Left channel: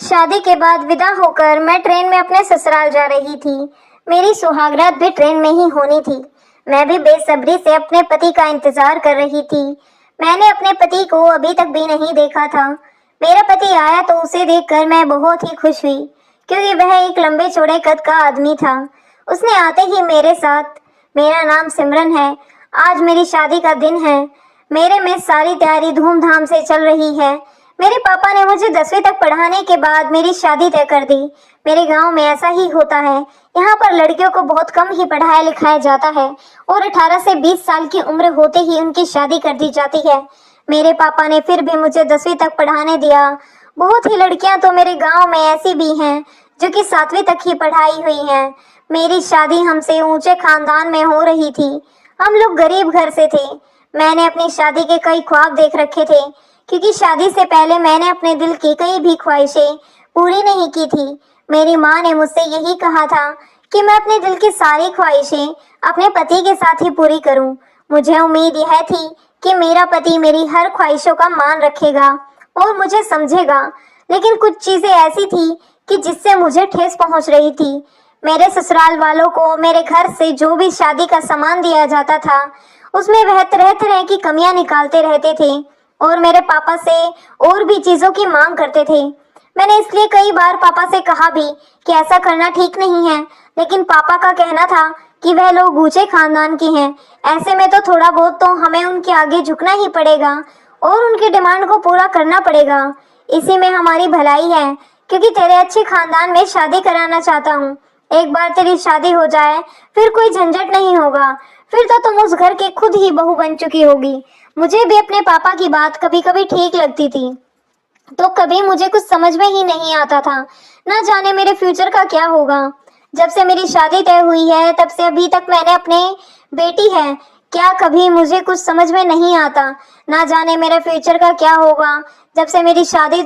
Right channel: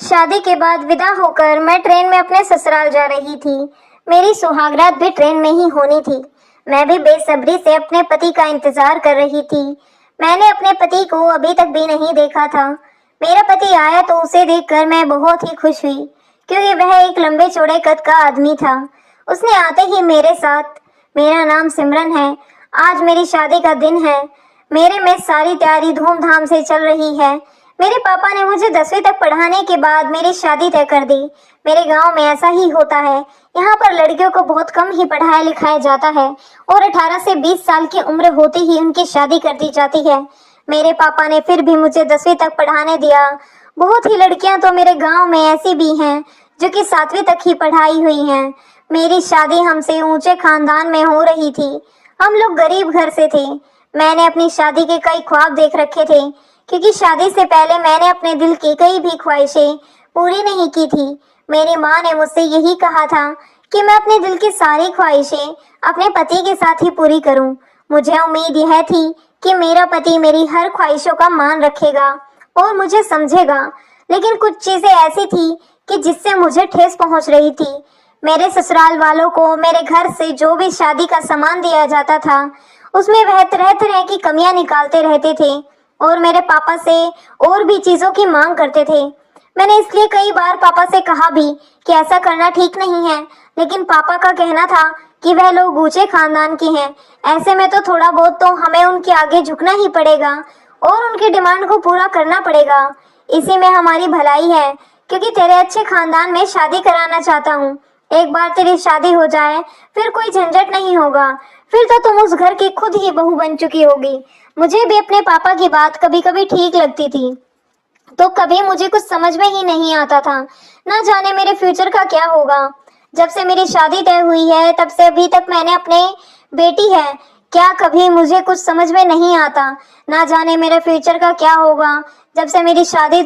शादी के बाद विदा होकर मैं ट्रेन में अपने ससुराल जा रही थी। मेरी सुहागरात भी ट्रेन में ही होनी थी। मैं भी बेसब्री से अपने पति का इंतजार कर रही थी। मैंने अपने पति को अभी तक भी नहीं देखा था। मेरा पति आया तो उसे देखकर मैं बहुत ही खुश हुई, क्योंकि वह एक लंबे चौड़े कद का आदमी था। उसने आते ही मेरे साथ, मेरा नाम सिमरन है, आज मेरी शादी का दिन है, मेरे में सारी तैयारी धूमधाम से चल रही है। मेरे पापा ने मुझे 10वीं तक पढ़ाने के बाद मेरी शादी तय कर दी। मेरे गांव में ऐसा ही होता है। यहाँ पर लड़कियों को बहुत कम ही पढ़ाया लिखाया जाता है और 18 से 20 साल की उम्र होते ही उनकी शादी कर दी जाती है। मेरे पापा ने फिर भी मुझे 10वीं तक पढ़ाने दिया। बहुत ही लड़कियां तो मेरे गांव में ऐसी भी हैं जो कि 7वीं तक ही पढ़ाई हुई हैं। मेरी शादी हमसे ऊंचे खानदान में हो रही थी। हम लोग गरीब घर से थे। मैंने अपनी शादी के कई ख्वाब देख रखे थे, क्योंकि शादी से पहले मैंने अपने दिल की कई भी ख्वाहिशें पूरी नहीं की थी। मेरी माँ ने मुझसे यही कहा था कि मैं अपने दिल की सारी ख्वाहिशें अपने पति के साथ ही पूरी करूं। मुझे उम्मीद यह थी कि मेरा पति मेरी हर ख्वाहिशों का मान रखेगा और मुझे समझेगा, लेकिन कुछ चीजें ऐसी थी कि जिससे मुझे ठेस पहुंच रही थी। मेरे ससुराल वालों को मेरे घर से जो भी शादी का सामान दिया जाता था, उसमें वह तरह तरह की कमियां निकालते रहते थे और मेरे पापा से और भी चीजों की मांग करते थे। मैंने इसलिए कई बार पापा से कहा भी कि ऐसा करना ठीक नहीं है, लेकिन पापा का कहना था कि वह लोग ऊंचे खानदान के हैं, ऐसे में तो थोड़ा बहुत तो हमें उनके आगे झुकना ही पड़ेगा और उनकी डिमांड को पूरा करना पड़ेगा। इसी में हमारी भलाई है, क्योंकि तेरे अच्छे खानदान में शादी कराना चाहता हूँ। एक बार तेरी शादी हो जाए फिर कोई झंझट नहीं होगा, फिर तो तुम उस घर की खुद ही बहू बन चुकी होगी। मुझे भी अपने पापा की बात कभी कभी ठीक लगती थी, तो कभी मुझे कुछ समझ में ही नहीं आता था। ना जाने मेरे फ्यूचर का क्या होगा। जब से मेरी शादी तय हुई है तब से अभी तक मैंने अपने बेटी है, क्या कभी मुझे कुछ समझ में नहीं आता। ना जाने मेरे फ्यूचर का क्या होगा। जब से मेरी शादी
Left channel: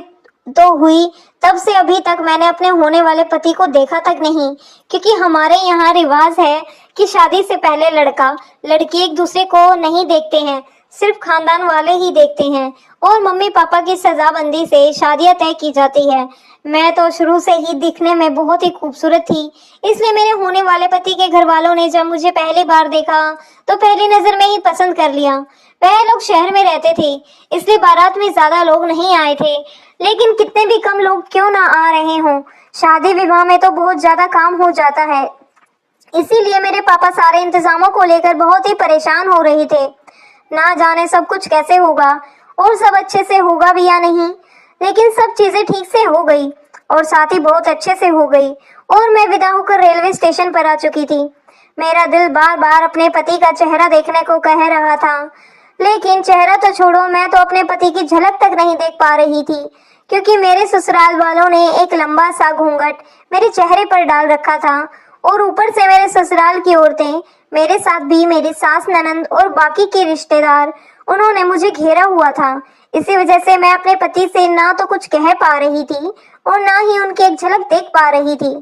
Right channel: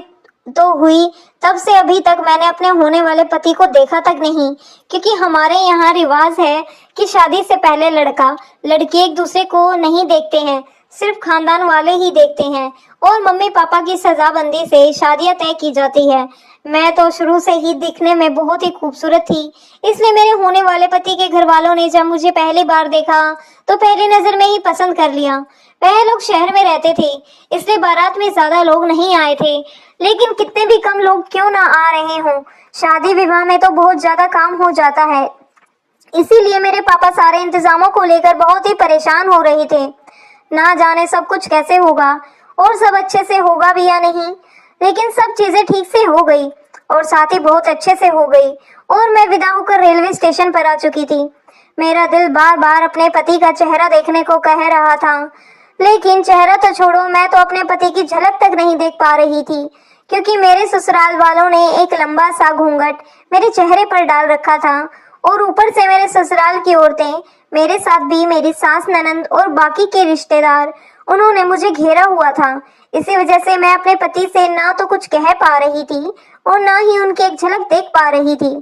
तो हुई तब से अभी तक मैंने अपने होने वाले पति को देखा तक नहीं, क्योंकि हमारे यहाँ रिवाज है कि शादी से पहले लड़का लड़की एक दूसरे को नहीं देखते हैं, सिर्फ खानदान वाले ही देखते हैं और मम्मी पापा की सजाबंदी से शादियां तय की जाती है। मैं तो शुरू से ही दिखने में बहुत ही खूबसूरत थी, इसलिए मेरे होने वाले पति के घर वालों ने जब मुझे पहली बार देखा तो पहली नजर में ही पसंद कर लिया। वह लोग शहर में रहते थे, इसलिए बारात में ज्यादा लोग नहीं आए थे, लेकिन कितने भी कम लोग क्यों ना आ रहे हों, शादी विवाह में तो बहुत ज्यादा काम हो जाता है। इसीलिए मेरे पापा सारे इंतजामों को लेकर बहुत ही परेशान हो रहे थे। ना जाने सब कुछ कैसे होगा और सब अच्छे से होगा भी या नहीं, लेकिन सब चीजें ठीक से हो गई और साथ ही बहुत अच्छे से हो गई और मैं विदा होकर रेलवे स्टेशन पर आ चुकी थी। मेरा दिल बार बार अपने पति का चेहरा देखने को कह रहा था, लेकिन चेहरा तो छोड़ो, मैं तो अपने पति की झलक तक नहीं देख पा रही थी, क्योंकि मेरे ससुराल वालों ने एक लंबा सा घूंघट मेरे चेहरे पर डाल रखा था और ऊपर से मेरे ससुराल की औरतें, मेरे साथ भी मेरी सास ननंद और बाकी के रिश्तेदार, उन्होंने मुझे घेरा हुआ था। इसी वजह से मैं अपने पति से ना तो कुछ कह पा रही थी और ना ही उनकी एक झलक देख पा रही थी।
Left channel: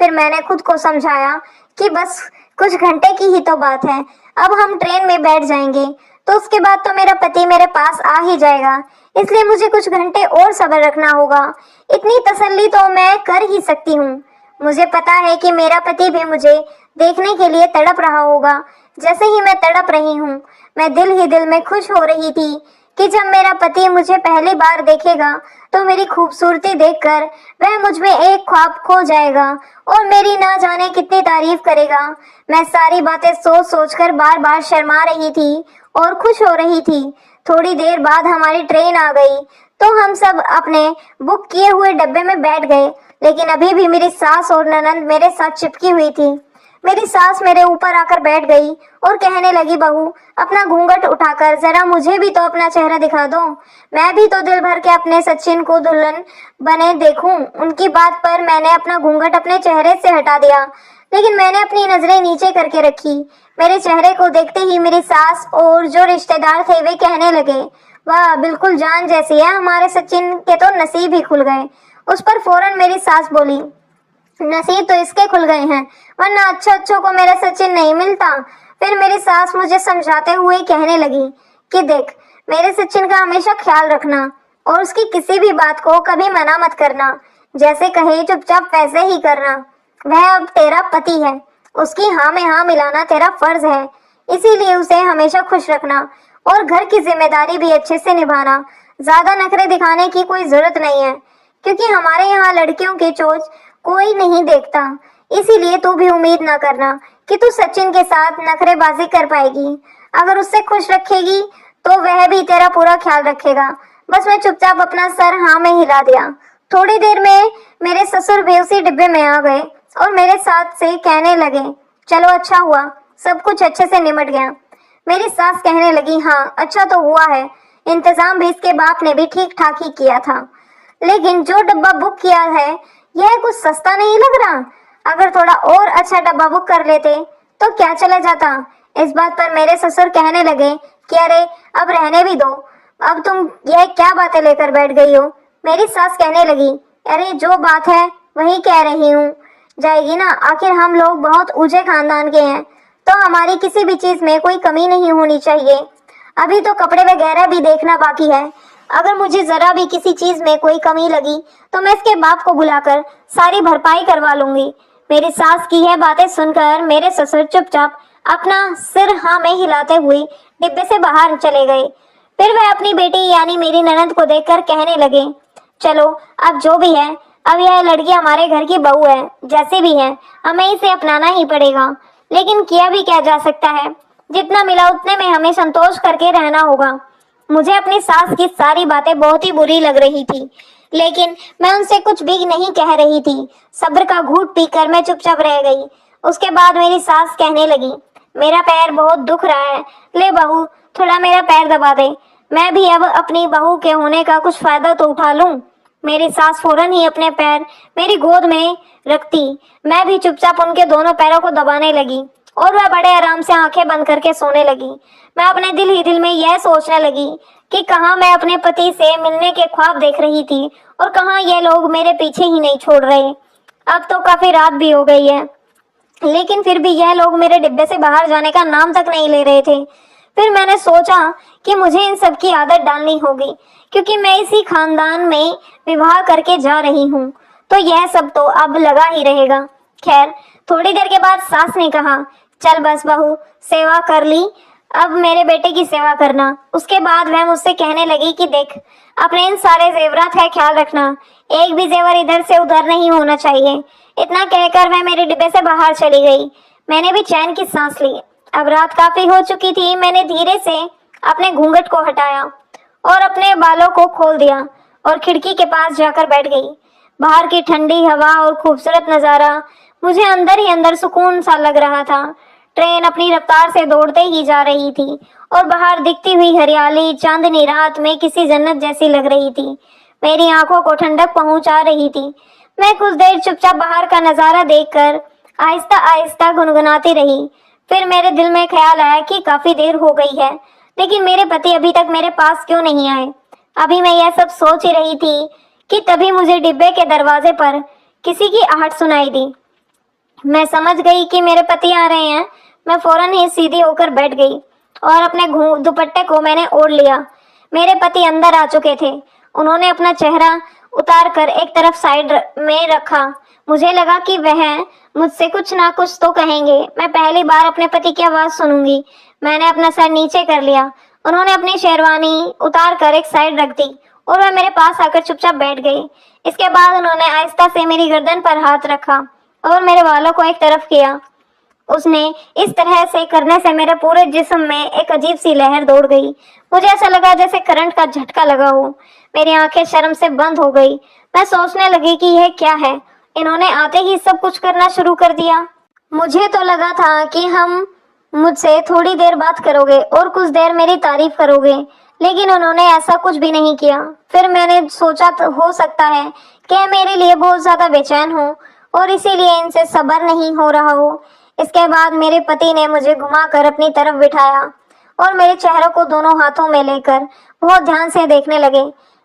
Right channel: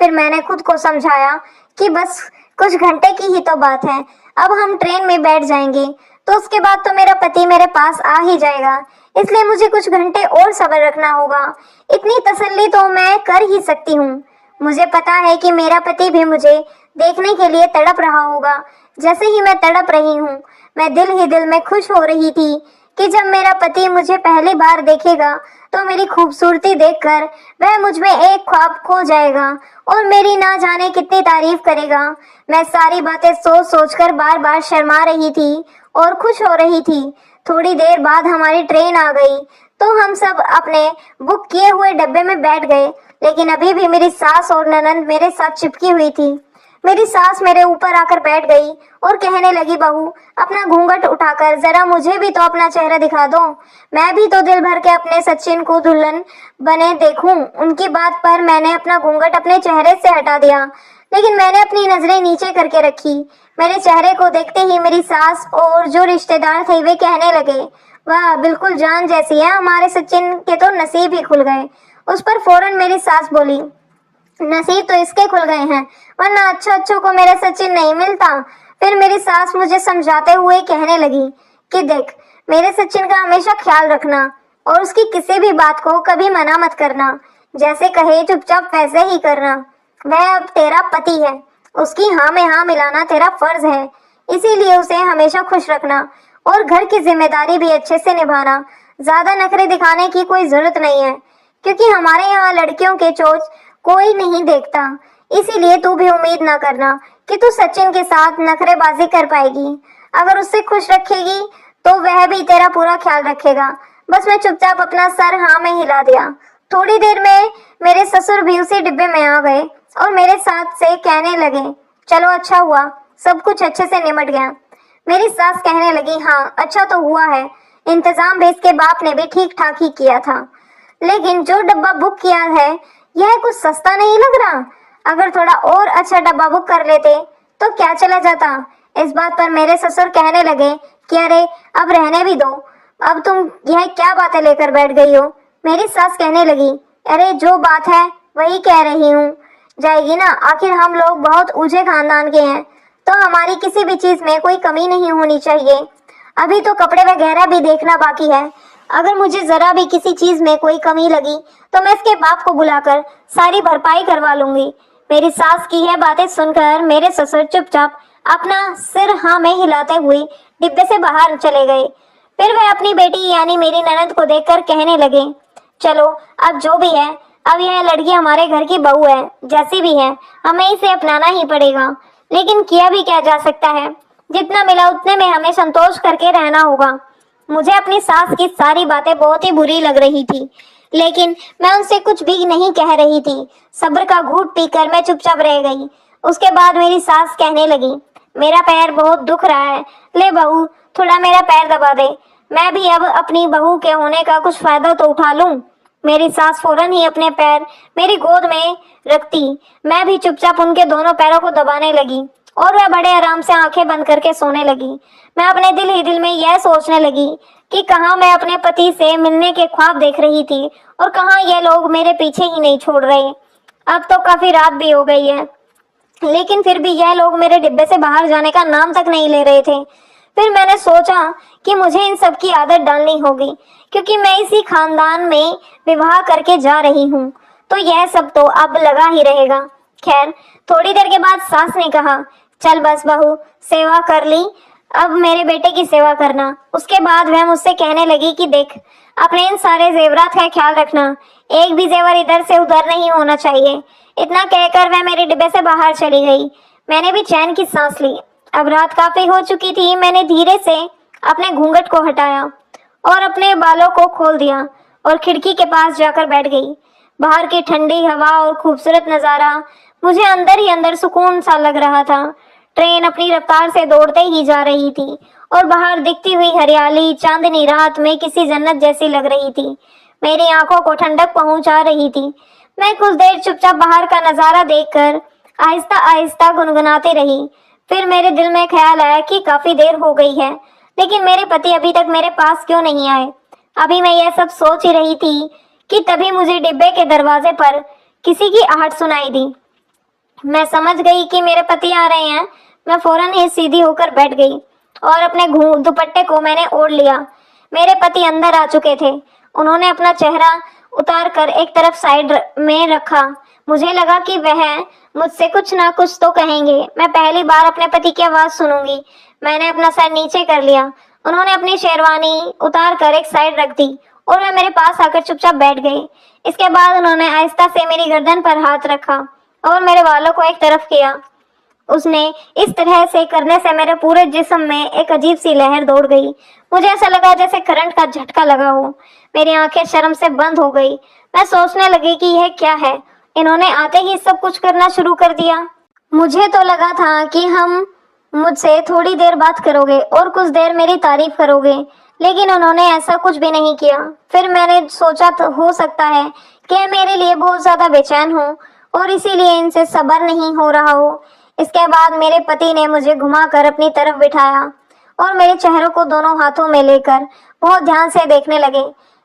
फिर मैंने खुद को समझाया कि बस कुछ घंटे की ही तो बात है, अब हम ट्रेन में बैठ जाएंगे तो उसके बाद तो मेरा पति मेरे पास आ ही जाएगा, इसलिए मुझे कुछ घंटे और सब्र रखना होगा। इतनी तसल्ली तो मैं कर ही सकती हूँ। मुझे पता है कि मेरा पति भी मुझे देखने के लिए तड़प रहा होगा, जैसे ही मैं तड़प रही हूँ। मैं दिल ही दिल में खुश हो रही थी कि जब मेरा पति मुझे पहली बार देखेगा तो मेरी खूबसूरती देखकर वह मुझ में एक ख्वाब खो जाएगा और मेरी ना जाने कितनी तारीफ करेगा। मैं सारी बातें सोच सोचकर बार बार शर्मा रही थी और खुश हो रही थी। थोड़ी देर बाद हमारी ट्रेन आ गई तो हम सब अपने बुक किए हुए डब्बे में बैठ गए, लेकिन अभी भी मेरी सास और ननंद मेरे साथ चिपकी हुई थी। मेरी सास मेरे ऊपर आकर बैठ गई और कहने लगी, बहू अपना घूंघट उठाकर जरा मुझे भी तो अपना चेहरा दिखा दो, मैं भी तो दिल भर के अपने सचिन को दुल्हन बने देखूं। उनकी बात पर मैंने अपना घूंघट अपने चेहरे से हटा दिया, लेकिन मैंने अपनी नजरें नीचे करके रखी। मेरे चेहरे को देखते ही मेरी सास और जो रिश्तेदार थे वे कहने लगे, वाह बिल्कुल जान जैसी है, हमारे सचिन के तो नसीब ही खुल गए। उस पर फौरन मेरी सास बोली, नसीब तो इसके खुल गए हैं, वरना अच्छों को मेरा सचिन नहीं मिलता। फिर मेरी सास मुझे समझाते हुए कहने लगी कि देख, मेरे सचिन का हमेशा ख्याल रखना और उसकी किसी भी बात को कभी मना मत करना। जैसे कहे चुपचाप वैसे ही करना। वह अब तेरा पति है, उसकी हाँ में हाँ मिलाना तेरा फर्ज है, इसीलिए उसे हमेशा खुश रखना और घर की जिम्मेदारी भी अच्छे से निभाना। ज्यादा नखरे दिखाने की कोई जरूरत नहीं है, क्योंकि हमारे यहाँ लड़कियों के चोच कोई नहीं देखता। इसीलिए तू भी उम्मीद ना करना कि तू सचिन के साथ नखरेबाजी कर पाएगी। अगर उससे खुश रखेगी तो वह भी तेरा पूरा ख्याल रखेगा। बस मैं चुपचाप अपना सर हाँ में हिला दिया। थोड़ी देर में मेरे ससुर भी उसी डिब्बे में आ गए और मेरे साथ से कहने लगे, चलो अच्छा हुआ, सब कुछ अच्छे से निमट गया। मेरी सास कहने लगी, हाँ अच्छा तो हुआ है, इंतजाम भी इसके बाप ने भी ठीक ठाक ही किया था। लेकिन जो डब्बा बुक किया है यह कुछ सस्ता नहीं लग रहा। अगर थोड़ा और अच्छा डब्बा बुक कर लेते तो क्या चला जाता। इस बात पर मेरे ससुर कहने लगे कि अरे अब रहने भी दो, अब तुम यह क्या बातें लेकर बैठ गई हो। मेरी सास कहने लगी, अरे जो बात है वही कह रही हूँ, जाएगी ना, आखिर हम लोग बहुत ऊंचे खानदान के हैं तो हमारी किसी भी चीज में कोई कमी नहीं होनी चाहिए। अभी तो कपड़े वगैरह भी देखना बाकी है। अगर मुझे जरा भी किसी चीज में कोई कमी लगी तो मैं इसके बाप को बुलाकर सारी भरपाई करवा लूंगी। मेरी सास की यह बातें सुनकर मेरे ससुर चुपचाप अपना सिर हाँ में हिलाते हुए डिब्बे से बाहर चले गए। फिर वह अपनी बेटी यानी मेरी ननद को देखकर कहने लगे, चलो अब जो भी है, अब यह लड़की हमारे घर की बहू है, जैसी भी है हमें इसे अपनाना ही पड़ेगा। लेकिन किया भी क्या जा सकता है, जितना मिला उतने में हमें संतोष करके रहना होगा। मुझे अपनी सास की सारी बातें बहुत ही बुरी लग रही थी, लेकिन मैं उनसे कुछ भी नहीं कह रही थी। सब्र का घूंट पीकर मैं चुपचाप रह गई। उसके बाद मेरी सास कहने लगी, मेरा पैर बहुत दुख रहा है, ले बहू थोड़ा मेरा पैर दबा दे, मैं भी अब अपनी बहू के होने का कुछ फायदा तो उठा लूं। मेरी सास फौरन ही अपने पैर मेरी गोद में रखती। मैं भी चुपचाप उनके दोनों पैरों को दबाने लगी और वह बड़े आराम से आंखें बंद करके सोने लगी। मैं अपने दिल ही दिल में यह सोचने लगी कि कहाँ मैं अपने पति से मिलने के ख्वाब देख रही थी और कहाँ ये लोग मेरे पीछे ही नहीं छोड़ रहे। अब तो काफी रात भी हो गई है, लेकिन फिर भी यह लोग मेरे डिब्बे से बाहर जाने का नाम तक नहीं ले रहे थे। फिर मैंने सोचा कि मुझे इन सब की आदत डालनी होगी, क्योंकि मैं इसी खानदान में विवाह करके जा रही हूँ, तो यह सब तो अब लगा ही रहेगा। खैर थोड़ी देर के बाद सास ने कहा, चल बस बहू सेवा कर ली, अब मेरे बेटे की सेवा करना। उसके बाद वह मुझसे कहने लगी कि देख अपने इन सारे जेवरात का ख्याल रखना, एक भी जेवर इधर से उधर नहीं होना चाहिए। इतना कहकर वह मेरे डिब्बे से बाहर चली गई। मैंने भी चैन की सांस ली। अब रात काफी हो चुकी थी। मैंने धीरे से अपने घूंघट को हटाया और अपने बालों को खोल दिया और खिड़की के पास जाकर बैठ गई। बाहर की ठंडी हवा और खूबसूरत नजारा मुझे अंदर ही अंदर सुकून सा लग रहा था। ट्रेन अपनी रफ्तार से दौड़ते ही जा रही थी और बाहर दिखती हुई हरियाली चांदनी रात में किसी जन्नत जैसी लग रही थी, मेरी आंखों को ठंडक पहुंचा रही थी। मैं कुछ देर चुपचाप बाहर का नजारा देखकर आहिस्ता आहिस्ता गुनगुनाती रही। फिर मेरे दिल में ख्याल आया कि काफी देर हो गई है, लेकिन मेरे पति अभी तक मेरे पास क्यों नहीं आए। अभी मैं यह सब सोच ही रही थी कि तभी मुझे डिब्बे के दरवाजे पर किसी की आहट सुनाई दी। मैं समझ गई कि मेरे पति आ रहे हैं। मैं फौरन ही सीधी होकर बैठ गई और अपने दुपट्टे को मैंने ओढ़ लिया। मेरे पति अंदर आ चुके थे। उन्होंने अपना चेहरा उतार कर एक तरफ साइड में रखा। मुझे लगा कि वह मुझसे कुछ ना कुछ तो कहेंगे। मैं पहली बार अपने पति की आवाज सुनूंगी। मैंने अपना सर नीचे कर लिया। उन्होंने अपनी शेरवानी उतार कर एक साइड रख दी और वह मेरे पास आकर चुपचाप बैठ गई। इसके बाद उन्होंने आहिस्ता से मेरी गर्दन पर हाथ रखा और मेरे बालों को एक तरफ किया। उसने इस तरह से करने से मेरे पूरे जिस्म में एक अजीब सी लहर दौड़ गई। मुझे ऐसा लगा जैसे करंट का झटका लगा हो। मेरी आंखें शर्म से बंद हो गई। मैं सोचने लगी कि यह क्या है, इन्होंने आते ही सब कुछ करना शुरू कर दिया। मुझे तो लगा था कि हम मुझसे थोड़ी देर बात करोगे और कुछ देर मेरी तारीफ करोगे, लेकिन उन्होंने ऐसा कुछ भी नहीं किया। फिर मैंने सोचा हो सकता है कि मेरे लिए बहुत ज्यादा बेचैन हो और इसीलिए इनसे सब्र नहीं हो रहा हो। इसके बाद मेरे पति ने मुझे घुमाकर अपनी तरफ बिठाया और मेरे चेहरे को दोनों हाथों में लेकर बहुत ध्यान से देखने लगे।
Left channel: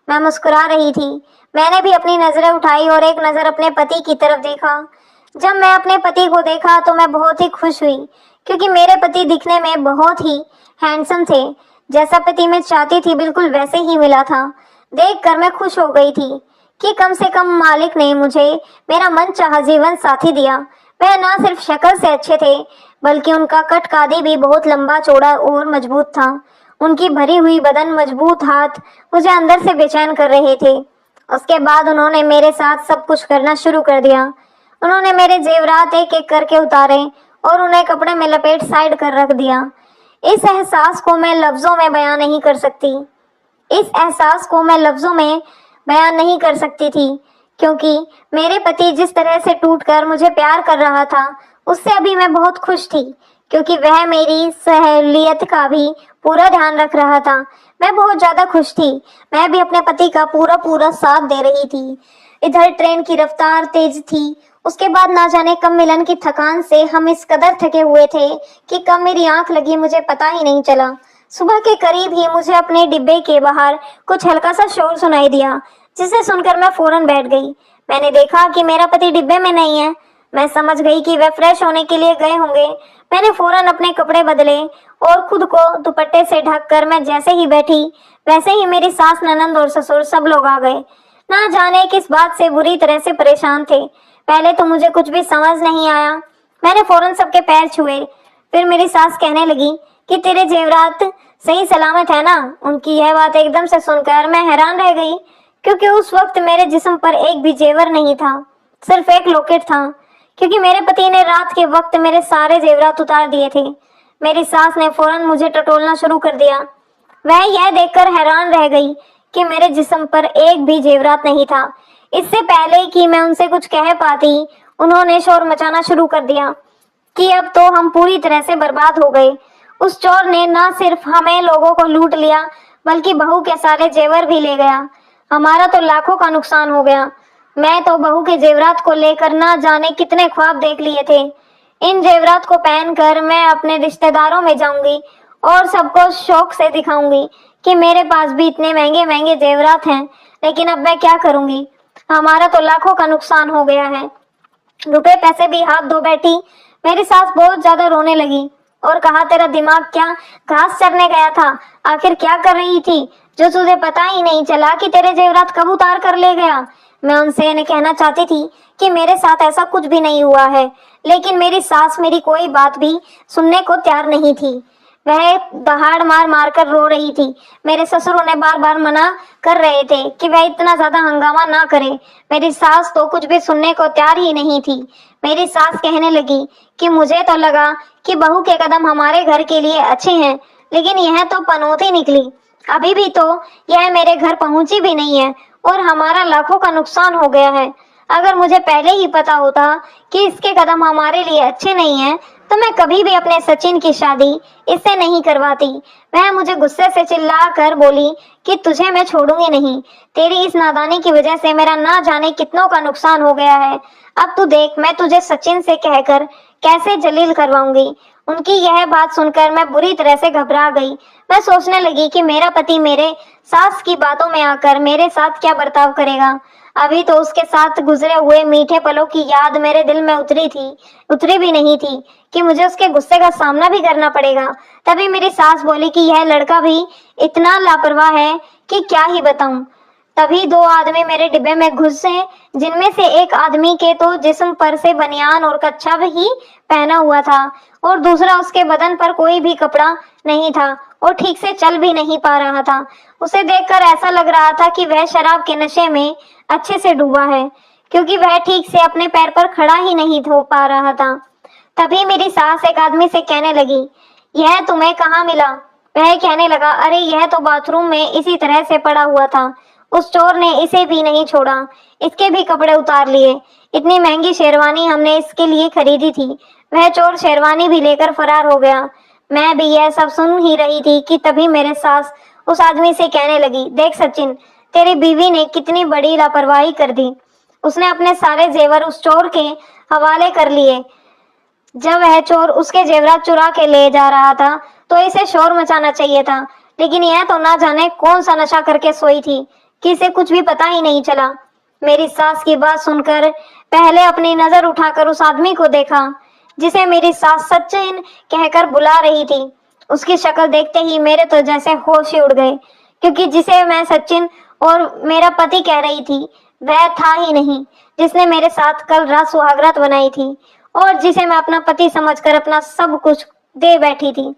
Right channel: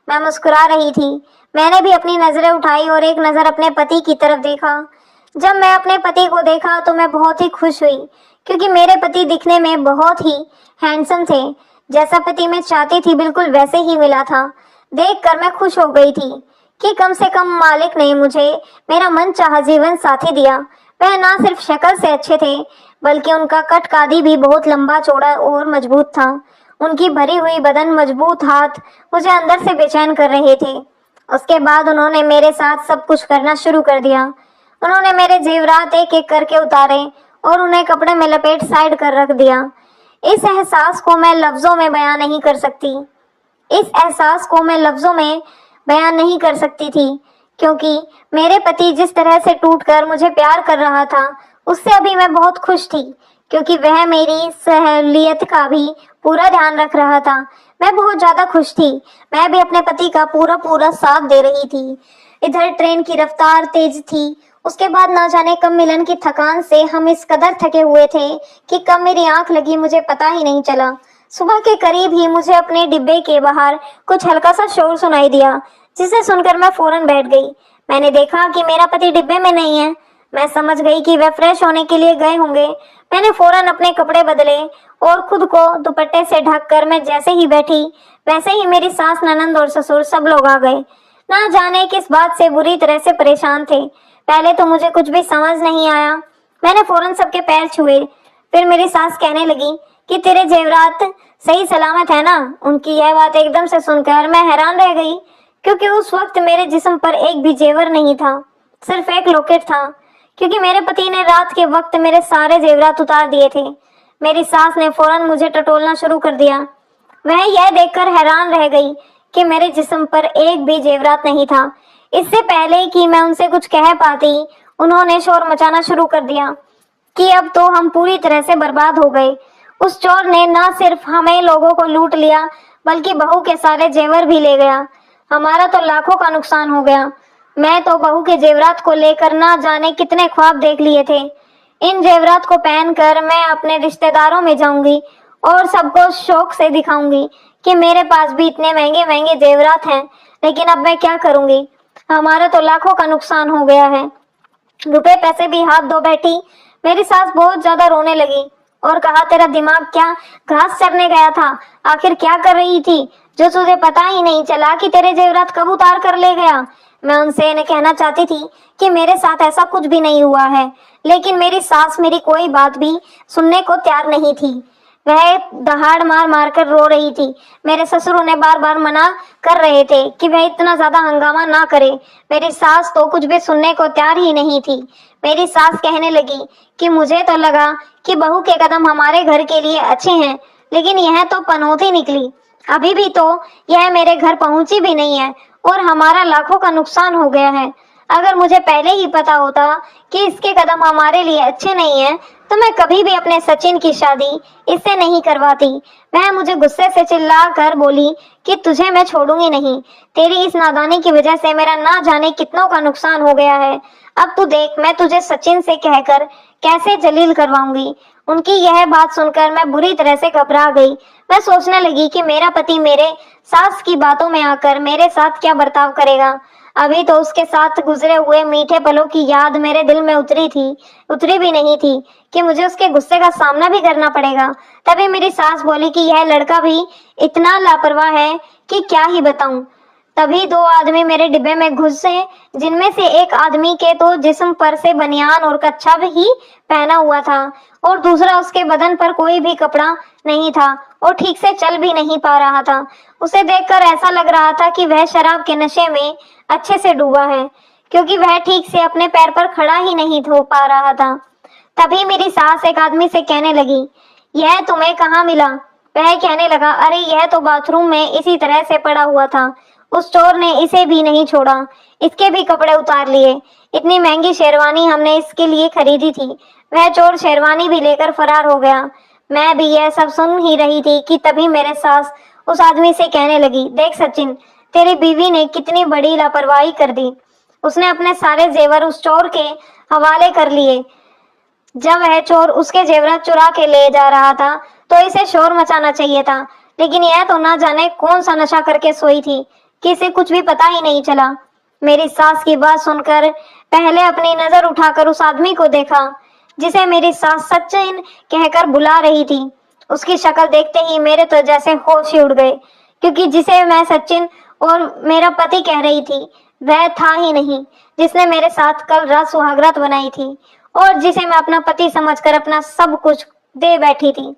मैं मुस्कुरा रही थी। मैंने भी अपनी नजरें उठाई और एक नजर अपने पति की तरफ देखा। जब मैं अपने पति को देखा तो मैं बहुत ही खुश हुई, क्योंकि मेरे पति दिखने में बहुत ही हैंडसम थे। जैसा पति मैं चाहती थी बिल्कुल वैसे ही मिला था। देखकर मैं खुश हो गई थी कि कम से कम मालिक ने मुझे मेरा मनचाहा जीवन साथी दिया। वह ना सिर्फ शक्ल से अच्छे थे, बल्कि उनका कद-काठी भी बहुत लंबा चौड़ा और मजबूत था। उनकी भरी हुई बदन, मजबूत हाथ मुझे अंदर से बेचैन कर रहे थे। उसके बाद उन्होंने मेरे साथ सब कुछ करना शुरू कर दिया। उन्होंने मेरे जेवरात एक एक करके उतारे और उन्हें कपड़े में लपेट साइड कर रख दिया। इस एहसास को मैं लफ्जों में बयां नहीं कर सकती। इस एहसास को मैं लफ्जों में बयान नहीं कर सकती थी, क्योंकि मेरे पति जिस तरह से टूटकर मुझे प्यार कर रहा था, उससे अभी मैं बहुत खुश थी, क्योंकि वह मेरी सहूलियत का भी पूरा ध्यान रख रहा था। मैं बहुत ज्यादा खुश थी। मैं भी अपने पति का पूरा पूरा साथ दे रही थी। इधर ट्रेन की रफ्तार तेज थी। उसके बाद ना जाने कब मिलन की थकान से हम इस कदर थके हुए थे कि कब मेरी आंख लगी मुझे पता ही नहीं चला। सुबह के करीब ही मुझे अपने डिब्बे के बाहर कुछ हल्का सा शोर सुनाई दिया, जिसे सुनकर मैं फौरन बैठ गई। मैंने देखा कि मेरा पति डिब्बे में नहीं है। मैं समझ गई कि वह फ्रेश होने के लिए गए होंगे। मैंने फौरन अपने कपड़े बदले और खुद को दुपट्टे से ढककर मैं जैसे ही बैठी, वैसे ही मेरी सास, ननंद और ससुर सब लोग आ गए। ना जाने किस बात से बुरी तरह से परेशान थे। पहले तो मुझे कुछ भी समझ नहीं आया। मैंने फौरन सबके पैर छुए। फिर मेरी सास कहने लगी कि तेरे जेवरात सही सलामत है ना। उनकी यह बात एकदम से सुनकर मैं हैरान रह गई, क्योंकि उस वक्त मेरे जिस्म पर एक भी जेवर नहीं था, सिर्फ एक लॉकेट था, क्योंकि मेरे पति ने रात के वक्त मेरे सारे जेवरात उतार दिए थे। मेरी सास ने फौरन मुझे टटोलना शुरू कर दिया। वह यह देखकर हैरान रह गई कि मेरे जिस्म पर एक भी जेवरात नहीं था। इससे पहले कि मैं उनसे कुछ कह पाती, उन्होंने शोर मचाना शुरू कर दिया कि अब तो हम पूरी तरह से बर्बाद हो गए। उस चोर ने न सिर्फ हमें लोगों को लूट लिया, बल्कि बहू के सारे जेवर भी ले गया। हमारा तो लाखों का नुकसान हो गया। मैं तो बहू के जेवरात को लेकर ना जाने कितने ख्वाब देख लिए थे। इन जेवरात को पहनकर मैं अपने रिश्तेदारों में जाऊंगी और सबको शौक से दिखाऊंगी कि मेरे पास भी इतने महंगे महंगे जेवरात हैं। लेकिन अब मैं क्या करूंगी? हमारा तो लाखों का नुकसान हो गया है। रुपए पैसे भी हाथ धो बैठी। मेरी सास बहुत ज्यादा रोने लगी और कहा, तेरा दिमाग क्या घास चरने गया था? आखिर क्या कर रही थी जो तुझे पता ही नहीं चला कि तेरे जेवरात कब उतार कर ले गया? मैं उनसे इन्हें कहना चाहती थी कि मेरे साथ ऐसा कुछ भी नहीं हुआ है, लेकिन मेरी सास मेरी कोई बात भी सुनने को तैयार नहीं थी। वह दहाड़ मार मार कर रो रही थी। मेरे ससुर उन्हें बार बार मना कर रहे थे कि वह इतना ज्यादा हंगामा ना करे। मेरी सास तो कुछ भी सुनने को तैयार ही नहीं थी। मेरी सास कहने लगी कि मुझे तो लगा कि बहू के कदम हमारे घर के लिए अच्छे हैं, लेकिन यह तो पनौती निकली। अभी भी तो यह मेरे घर पहुंची भी नहीं है और हमारा लाखों का नुकसान हो गया है। अगर मुझे पहले ही पता होता कि इसके कदम हमारे लिए अच्छे नहीं है, तो मैं कभी भी अपने सचिन की शादी इससे नहीं करवाती। वह मुझे गुस्से से चिल्ला कर बोली कि तुझे मैं छोड़ूंगी नहीं। तेरी इस नादानी की वजह से मेरा ना जाने कितनों का नुकसान हो गया है। अब तू देख, मैं तुझे सचिन से कहकर कैसे जलील करवाऊंगी। उनकी यह बात सुनकर मैं बुरी तरह से घबरा गई। मैं सोचने लगी कि मेरा पति मेरे सास की बातों में आकर मेरे साथ क्या बर्ताव करेगा। अभी तो उसके साथ गुजरे हुए मीठे पलों की याद मेरे दिल में उतरी भी नहीं थी कि मुझे उसके गुस्से का सामना भी करना पड़ेगा। तभी मेरी सास बोली कि यह लड़का भी इतना लापरवाह है कि क्या ही बताऊं। तभी दो आदमी मेरे डिब्बे में घुसे, जिनमें से एक आदमी के तो जिस्म पर से बनियान और कच्छा ही पहना हुआ था और दूसरा, उसके बदन पर कोई भी कपड़ा नहीं था और ठीक से चल भी नहीं पा रहा था। उसे देखकर ऐसा लग रहा था कि वह शराब के नशे में अच्छे से डूबा है, क्योंकि वह ठीक से अपने पैर पर खड़ा ही नहीं हो पा रहा था। तभी मेरी सास एक आदमी से कहने लगी, यह तुम्हें कहाँ मिला? वह कहने लगा, अरे यह तो बाथरूम में इसी तरह से पड़ा हुआ था। उस चोर ने इसे भी नहीं छोड़ा, इसके भी कपड़े उतार लिए। इतनी महंगी शेरवानी हमने इसके लिए खरीदी थी। वह चोर शेरवानी भी लेकर फरार हो गया। मैं भी यह सब सुन ही रही थी कि तभी मेरे सास उस आदमी से कहने लगी, देख सचिन, तेरी बीवी ने कितनी बड़ी लापरवाही कर दी। उसने अपने सारे जेवर उस चोर के हवाले कर लिए। जब वह चोर उसके जेवरात चुरा के ले जा रहा था तो इसे शोर मचाना चाहिए था, लेकिन यह तो ना जाने कौन सा नशा करके सोई थी कि इसे कुछ भी पता ही नहीं चला। मेरी सास की बात सुनकर पहले अपनी नजर उठाकर उस आदमी को देखा जिसे मेरी सास सचिन कहकर बुला रही थी। उसकी शक्ल देखते ही मेरे तो जैसे होश ही उड़ गए, क्योंकि जिसे मैं सचिन और मेरा पति कह रही थी, वह था ही नहीं जिसने मेरे साथ कल रात सुहागरात बनाई थी और जिसे मैं अपना पति समझकर अपना सब कुछ दे बैठी थी।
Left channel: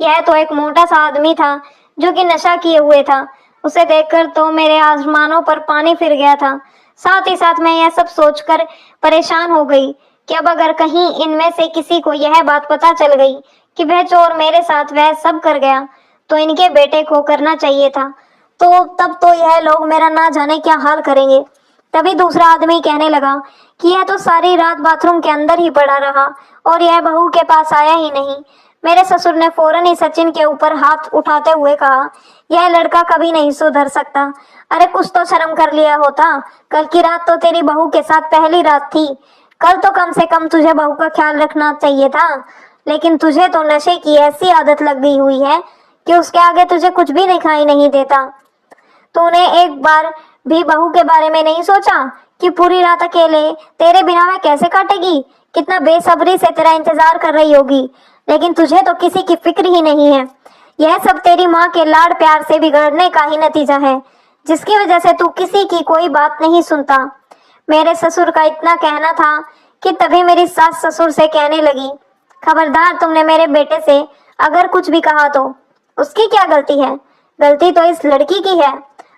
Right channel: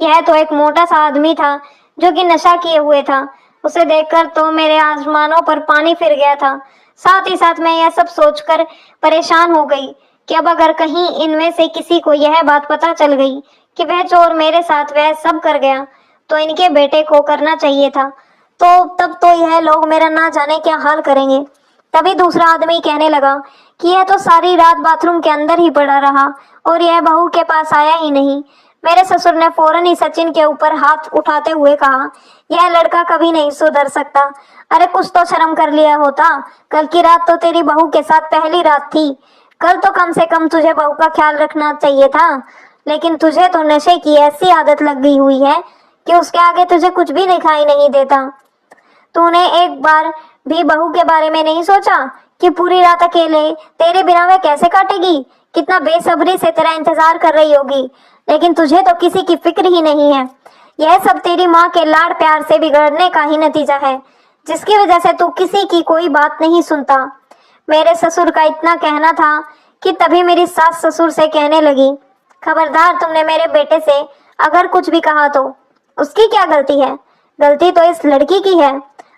यह तो एक मोटा सा आदमी था जो कि नशा किए हुए था। उसे देखकर तो मेरे आसमानों पर पानी फिर गया था। साथ ही साथ मैं यह सब सोचकर परेशान हो गई कि अब अगर कहीं इनमें से किसी को यह बात पता चल गई कि वह चोर मेरे साथ वह सब कर गया तो इनके बेटे को करना चाहिए था। तो तब तो यह लोग मेरा ना जाने क्या हाल करेंगे। तभी दूसरा आदमी कहने लगा कि यह तो सारी रात बाथरूम के अंदर ही पड़ा रहा और यह बहू के पास आया ही नहीं। मेरे ससुर ने फौरन ही सचिन के ऊपर हाथ उठाते हुए कहा, यह लड़का कभी नहीं सुधर सकता। अरे कुछ तो शर्म कर लिया होता। कल की रात तो तेरी बहू के साथ पहली रात थी। कल तो कम से कम तुझे बहू का ख्याल रखना चाहिए था। लेकिन तुझे तो नशे की ऐसी आदत लग गई हुई है कि उसके आगे तुझे कुछ भी दिखाई नहीं देता। तूने एक बार भी बहू के बारे में नहीं सोचा कि पूरी रात अकेले तेरे बिना वह कैसे काटेगी, कितना बेसब्री से तेरा इंतजार कर रही होगी। लेकिन तुझे तो किसी की फिक्र ही नहीं है। यह सब तेरी माँ के लाड़ प्यार से बिगड़ने का ही नतीजा है, जिसकी वजह से तू किसी की कोई बात नहीं सुनता। मेरे ससुर का इतना कहना था कि तभी मेरी सास ससुर से कहने लगी, खबरदार, तुमने मेरे बेटे से अगर कुछ भी कहा तो उसकी क्या गलती है? गलती तो इस लड़की की है।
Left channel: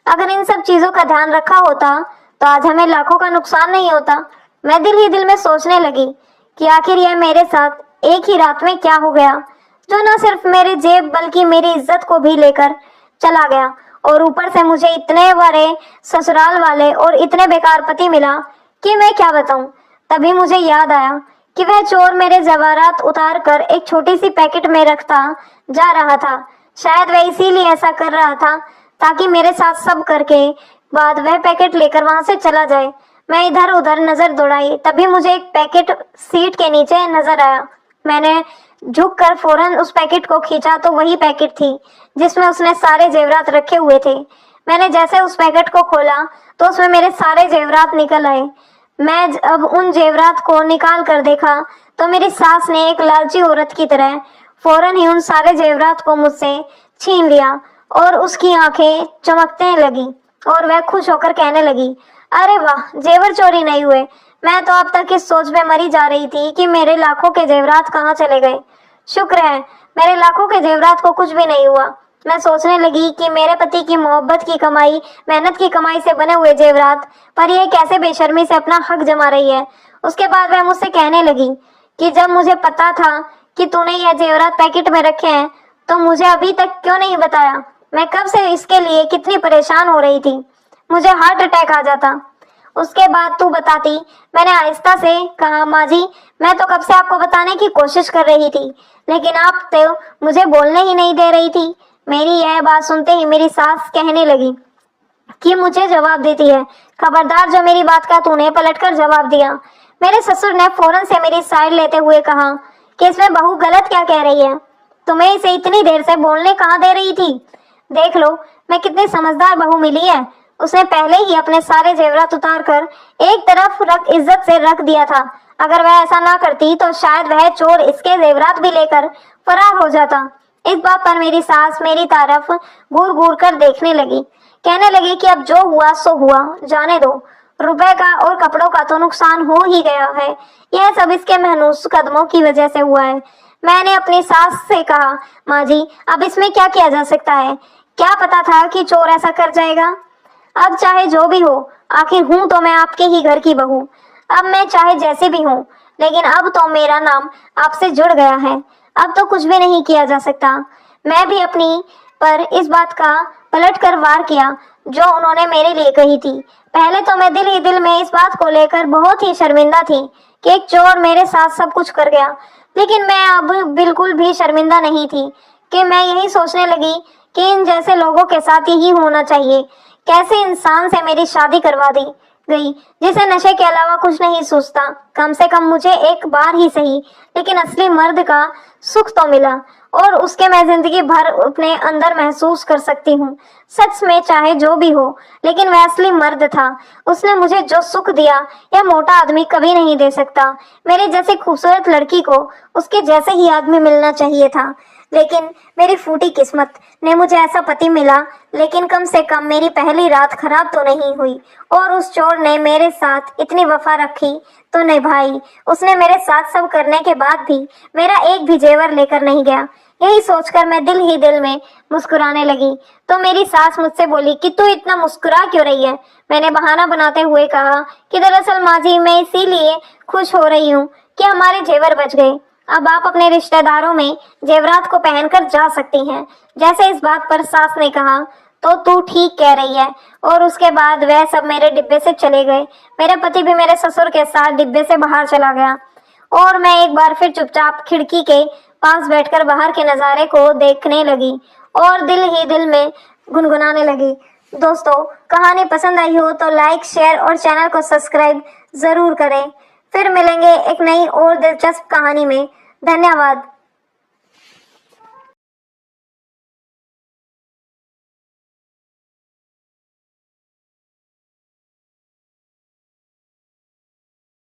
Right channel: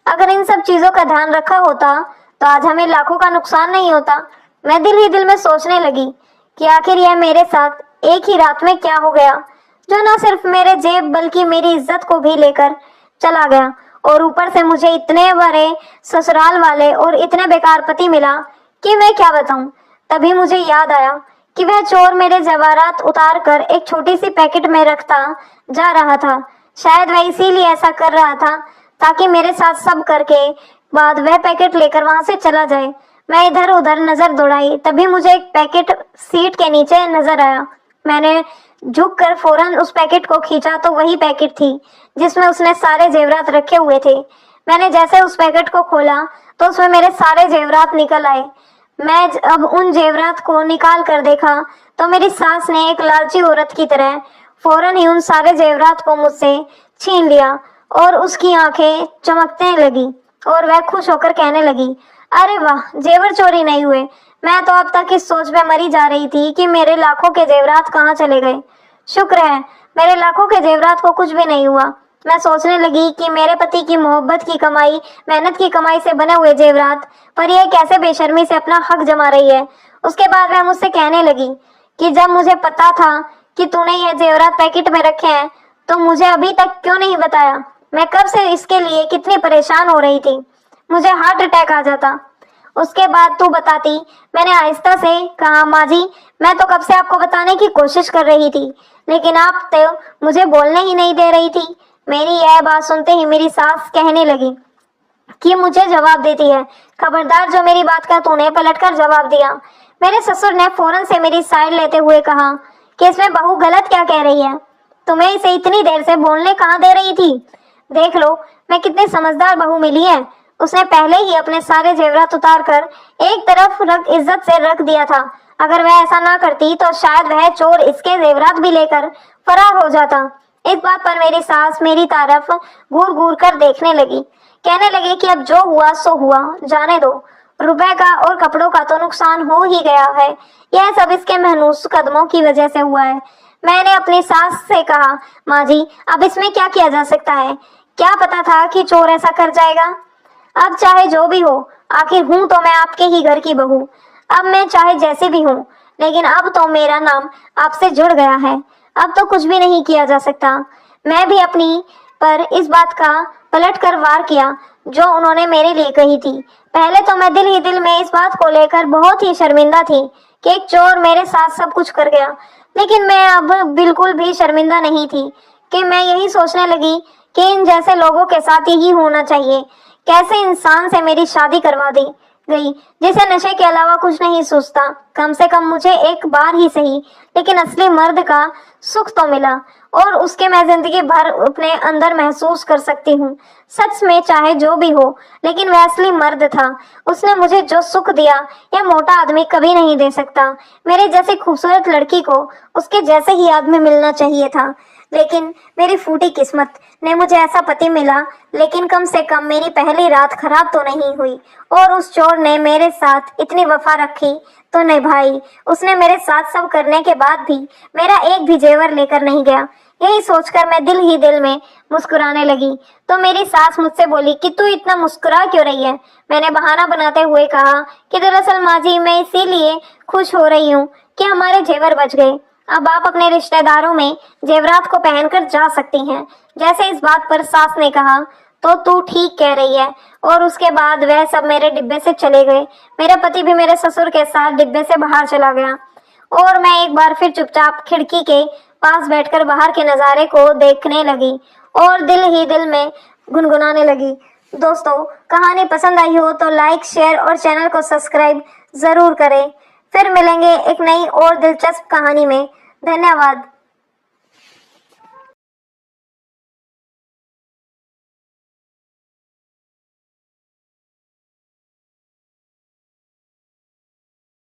अगर इन सब चीजों का ध्यान रखा होता तो आज हमें लाखों का नुकसान नहीं होता। मैं दिल ही दिल में सोचने लगी कि आखिर यह मेरे साथ एक ही रात में क्या हो गया, जो न सिर्फ मेरे जेब बल्कि मेरी इज्जत को भी लेकर चला गया। और ऊपर से मुझे इतने बड़े ससुराल वाले और इतने बेकार पति मिला कि मैं क्या बताऊं। तभी मुझे याद आया कि वह चोर मेरे जवाहरात उतार कर एक छोटी सी पैकेट में रखता जा रहा था। शायद वह इसीलिए ऐसा कर रहा था ताकि मेरे साथ सब करके बाद वह पैकेट लेकर वहां से चला जाए। मैं इधर उधर नजर दौड़ाई, तभी मुझे एक पैकेट सीट के नीचे नजर आया। मैंने झुककर फौरन उस पैकेट को खींचा तो वही पैकेट थी जिसमें उसने सारे जेवरात रखे हुए थे। मैंने जैसे उस पैकेट को खोला तो उसमें मेरे सारे जेवरात निकल आए। मैं अब उन जेवरात को निकाल कर देखा तो मेरी सास ने एक लालची औरत की तरह फौरन ही उन सारे जेवरात को मुझसे छीन लिया और उसकी आंखें चमकने लगी और वह खुश होकर कहने लगी, अरे वाह, जेवर चोरी नहीं हुए। मैं तो अब तक इस सोच में मरी जा रही थी कि मेरे लाखों के जेवरात कहाँ चले गए। शुक्र है मेरे लाखों के जेवरात को कुछ भी नहीं हुआ। मैं सोचने लगी कि मेरे पति की मोहब्बत की कमाई, मेहनत की कमाई से बने हुए जेवरात पर यह कैसे बेशर्मी से अपना हक जमा रही है। उसके बाद वह मुझसे कहने लगी कि जब मुझे पता था कि तूने यह जेवरात पैकेट में रखे हैं तो मुझे अभी तक क्यों नहीं बताया। मैं कब से इसके लिए कितनी परेशान हो रही थी, मुझे हार्ट अटैक आ जाता। उसके बाद तू बताती। मैंने आहिस्ता से कहा, माँ जी, मैं तो कब से आपको बताने की कोशिश कर रही थी लेकिन आप तो मुझे बोलने ही नहीं दे रही थी। मेरी यह बात सुनते ही मेरी सास कहने लगी कि मुझे जवाब देती है। खबरदार, जो मेरी बात का तूने पलटकर जवाब दिया। मेरे ससुर ने फौरन से मेरी साइड लेते हुए कहा कि इसमें बहू गलत क्या कह रही है, तुम्हें इसे इतनी देर से बोलने कहाँ दे रही थी। देख लो मैं कितनी समझदार बहू मिली है। उसने पहले ही अपने सारे जेवरात उतार कर एक तरफ इज्जत से रख दिया था। अगर वह ऐसा ना करती तो शायद वह चोर इसके जेवरात भी लेकर फरार हो जाता। इस बात पर मेरी सास मेरी तरफ घूर घूर कर देखने लगी, कहने लगी कि अब जो हुआ सो हुआ, जाने दो। रुपए का और कपड़ों का तो नुकसान हो ही गया है, यह सब इसके महनूस कदमों की वजह से हुआ है। मैंने अपनी सास से कहा, माँ जी, अब इसमें क्या किया जा सकता है? क्या पता था कि चोर ऐसा कर जाएगा। अब चाहे जो भी हो, आखिर हूं तो मैं आपके ही घर की बहू। अब मैं चाहे जैसे भी हूँ, लेकिन अब तो मेरा नाम आपसे जुड़ गया है। अब तो कुछ भी नहीं किया जा सकता। मैं भी अपनी पर इस बात का पलट कर वार किया जो उन्होंने मेरे लिए कही थी। पहले तो मैं दिल ही दिल में इस बात को लेकर बहुत ही शर्मिंदा थी कि एक चोर मेरे साथ सब कुछ कर गया, लेकिन मैं अब बिल्कुल भी शर्मिंदा नहीं थी कि मैं यही सोचने लगी कि इन जैसे लोगों के साथ यही होना चाहिए। कैसे इंसान से मेरी शादी करवा दी गई जिसे नशे के अलावा कुछ नहीं सोचता। कम से कम मुझे एक बार ही सही, लेकिन असली मर्द का सुख तो मिला और उसके मैं जिंदगी भर अपने अंदर महसूस कर सकती हूँ। सच में चाहे जो भी हो, लेकिन वह असली मर्द था। उसने मुझे जो सुख दिया यह मोटा आदमी कभी नहीं दे सकता। मेरे जैसी खूबसूरत लड़की को उसके जैसे ही आदमी मिलना चाहिए था। लेकिन मेरी फूटी किस्मत ने मुझे ऐसा पति मिला। लेकिन कम से कम मेरी पहली रात खराब तो नहीं हुई। और उस चोर ने मेरे साथ इतनी वफा रखी तो निभाई। उसने मेरे साथ सब करने के बाद भी मेरा एक भी जेवर लेकर नहीं गया। यही सोचकर मैं दिल ही दिल में मुस्कुराने लगी तो मेरी सास मुझसे बोली कि तू इतना मुस्कुरा क्यों रही है। मैंने बहाना बनाते हुए कहा कि दरअसल माँ जी, मैं इसीलिए खुश हो रही हूँ कि हमारे जेवर बच गए। अब आप अपने रिश्तेदारों में जेवरात को पहनकर जा सकती हैं। जैसे इस बात पर सास ने कहा तो तू ठीक कह रही है। और उसके बाद वह सब मेरे डिब्बे से चले गए। मेरा पति भी मेरे ससुर के साथ डिब्बे से बाहर चला गया और मैं एक बार फिर चुपचाप खिड़की के पास बैठकर बाहर के नज़ारे को देखने लगी और दिल ही दिल में गुनगुनाने लगी। दोस्तों, कहानी पसंद आई हो तो लाइक, शेयर और चैनल को सब्सक्राइब जरूर करें। फिर मिलेंगे एक नई और दिलचस्प कहानी में। धन्यवाद।